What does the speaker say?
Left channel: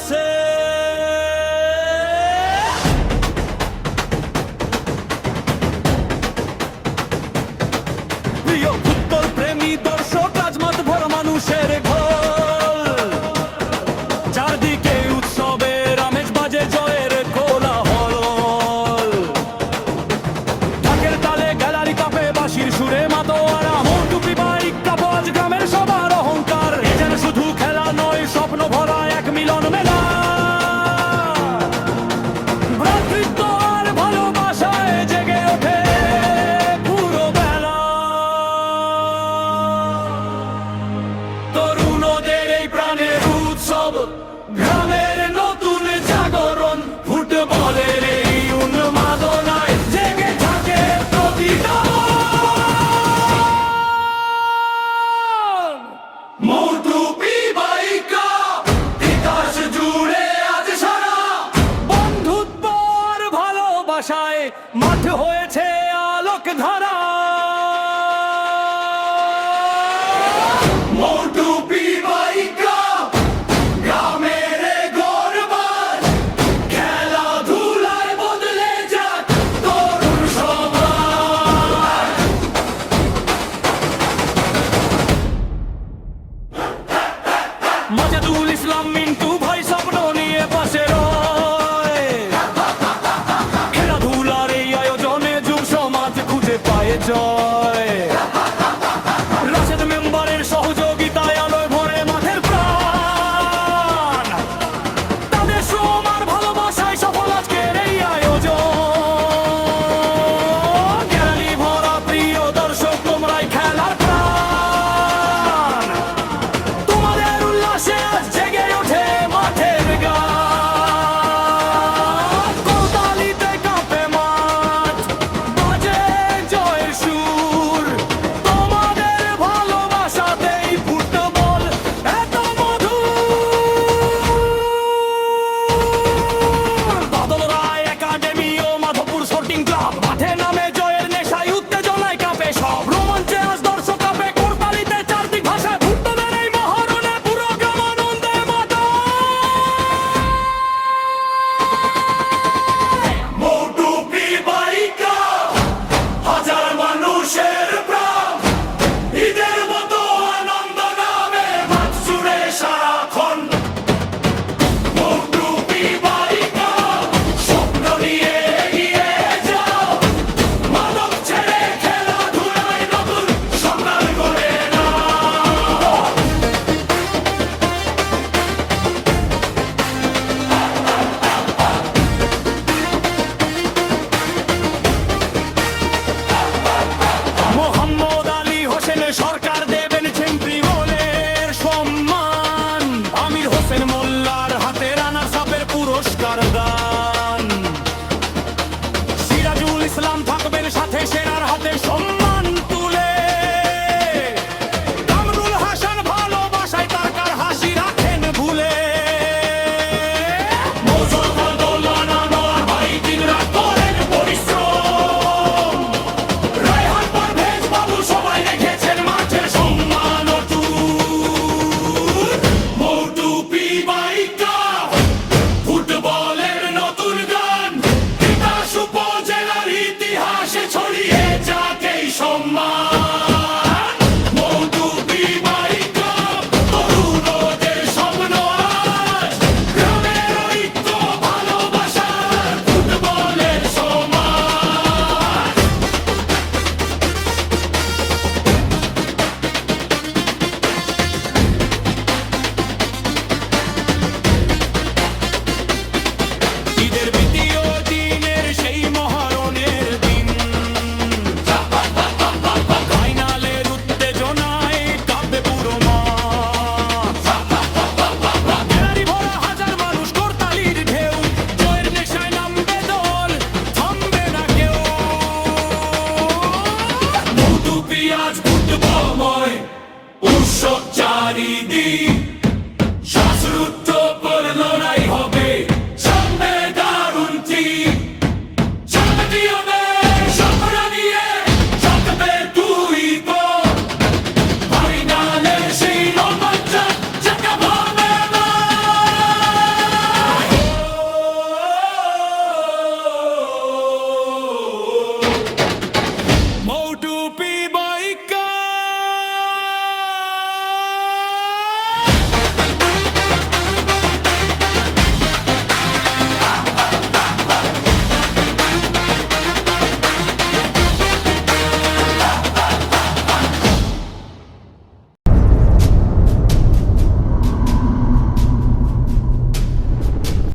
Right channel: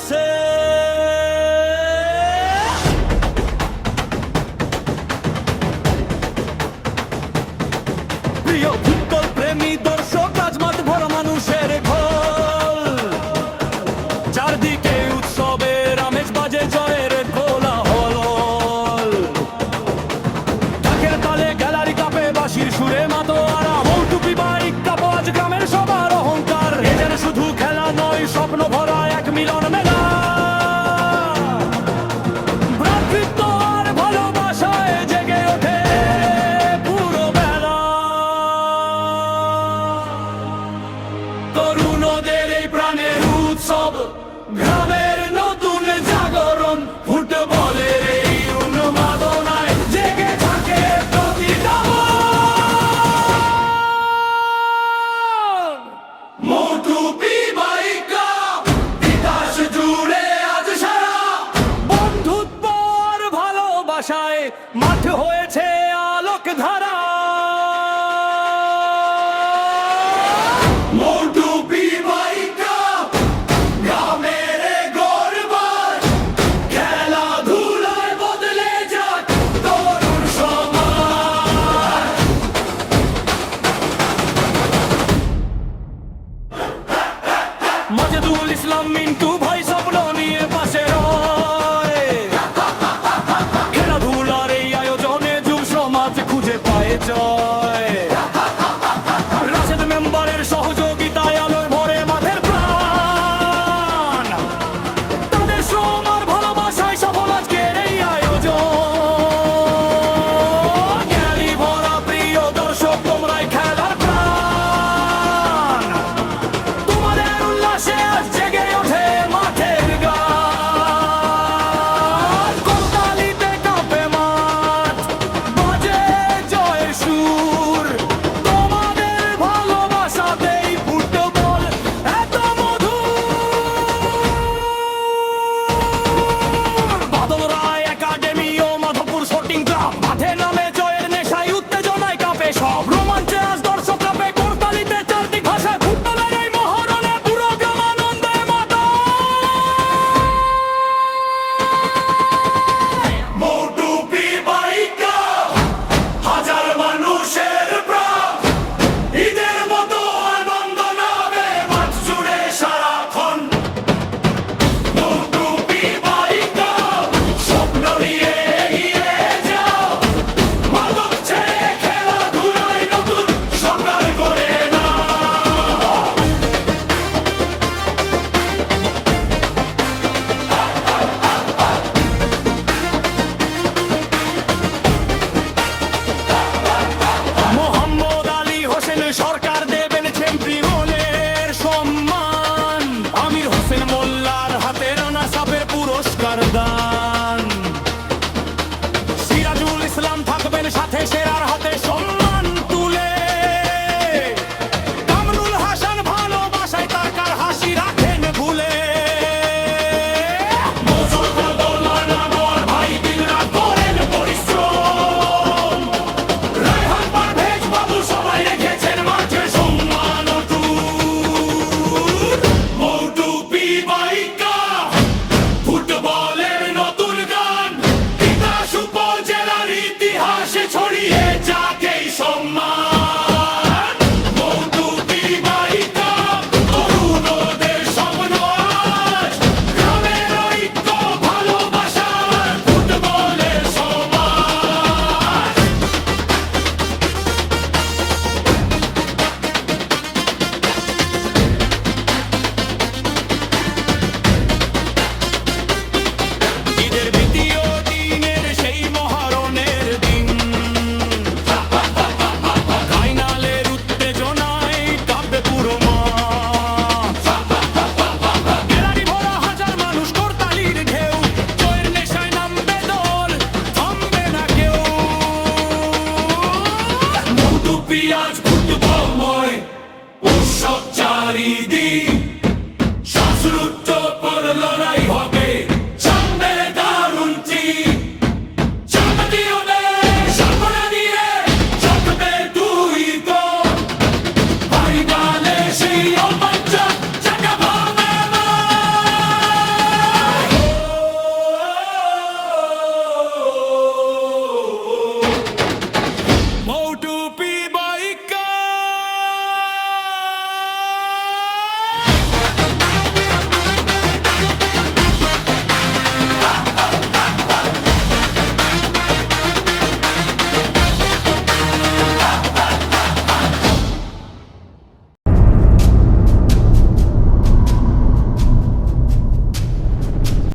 আসে। প্রিয় ফুটবল প্রেমী দর্শক, আজ মাঠ ভরা মানুষের ঢল, চারদিকে উৎসবের আমেজ, বাজে জয়ের কোলাহল। ঢাকের তালে গ্যালারি কাঁপে, বাঁশির সুরে মাতোয়ারা, মৌটুপি বাইক কাঁপো আজ গ্রামের সবার অহংকার। এ যেন শুধু খেলা নয়, স্বপ্ন ভরা এক মিলন মেলা। ভ্রাতৃত্ব আর ভালোবাসায় জেগে ওঠে পুরো বেলা। তরুণদের এই প্রাণের উৎসব, গ্রামের নতুন জাগরণ, ফুটবলের এই উন্মাদনায় জেগে থাকে প্রতিটা মন। মৌটুপি বাইকা তিতাস জুড়ে আজ সারা, বন্ধুত্ব আর ভালোবাসায় মাঠ হয়েছে আলোক ধারা। মৌটুপি বাইকা গ্রামের গর্বার, খেলাধুলায় বদলে যাক তরুণ সমাজ। মাজেদুল ইসলাম মিন্টু ভাই স্বপ্ন নিয়ে পাশে রয়, খেলাধুলার এই আয়োজনে যুব সমাজ খুঁজে পায় জয়। রাশেদ মেম্বারের সহযোগিতায় আলোয় ভরে মাঠের প্রাণ, তাদের শ্রম আর ভালোবাসায় সফল আজকের এই আয়োজন। গ্যালারি ভরা প্রিয় দর্শক, তোমরাই খেলার প্রাণ, তোমাদের উল্লাসে আজ জেগে ওঠে মাঠের গান। করতালিতে কাঁপে মাঠ, বাজে জয়ের সুর, তোমাদের ভালোবাসাতেই ফুটবল এত মধুর। বাদল রায় একাডেমি ও মাধবপুর স্পোর্টিং ক্লাব, মাঠে নামে জয়ের নেশায় উত্তেজনায় কাঁপে সব। রোমাঞ্চে আজ দর্শক কাঁপে, করতালিতে চারদিক ভাষায় ফুটবলের এই মহরণে পুরো গ্রাম আনন্দে মাতায়। মৌটুপি বাইকা হাজার মানুষের প্রাণ, ঈদের মতো আনন্দ নামে মাঠ জুড়ে সারাক্ষণ। মৌটুপি বাইকা স্বপ্ন নিয়ে এগিয়ে যাও, মাদক ছেড়ে খেলাধুলায় নতুন সকাল করে নাও। মোহাম্মদ আলী হোসেন সরকার দেবেন চ্যাম্পি গোলের সম্মান, আমির হোসেন মোল্লার হাতে রানার্স আপের পুরস্কার দান। সিরাজুল ইসলাম থাকবেন সাথে, সেরার হাতে সম্মান তুলে। কামরুল হাসান ভালোবাসায় তারকার হাসি রাখেন ভুলে। মোজাফফর দৌলানা নোয়ার ভাই দিনরাত করেন পরিশ্রম, রায়হান পারভেজ বাবু সবাই রেখেছেন মাঠের সম্মান অটুট। মৌটুপি বাইকা ফুটবলের নতুন গান, তিতাস উপজেলার ইতিহাসে ছড়িয়ে যাক এই সম্মান। মৌটুপি বাইকা তরুণদের স্বপ্ন আজ, গ্রামের ঐক্য ভালোবাসার ফুটবলের সমাজ। ঈদের দ্বিতীয় দিনের সেই মহারণের দিন, ফাইনালের উত্তেজনায় কাঁপবে পুরো মাঠ। গ্যালারি ভরা হাজার মানুষ, করতালির ঢেউ, জয়ের নেশায় নামবে দল, থামবে না কেউ। মৌটুপি আজ ফুটবলময় উৎসব চারিদিক, শ্বাসরুদ্ধ করে লড়াই হবে, জন্মে দারুণ টিম। চ্যাম্পিয়নের সাফল্য নিয়ে থাকবে তুই তো, ফাইনালে সেই রোমাঞ্চক জায়গা ভরবে মাঠ। মৌটুপি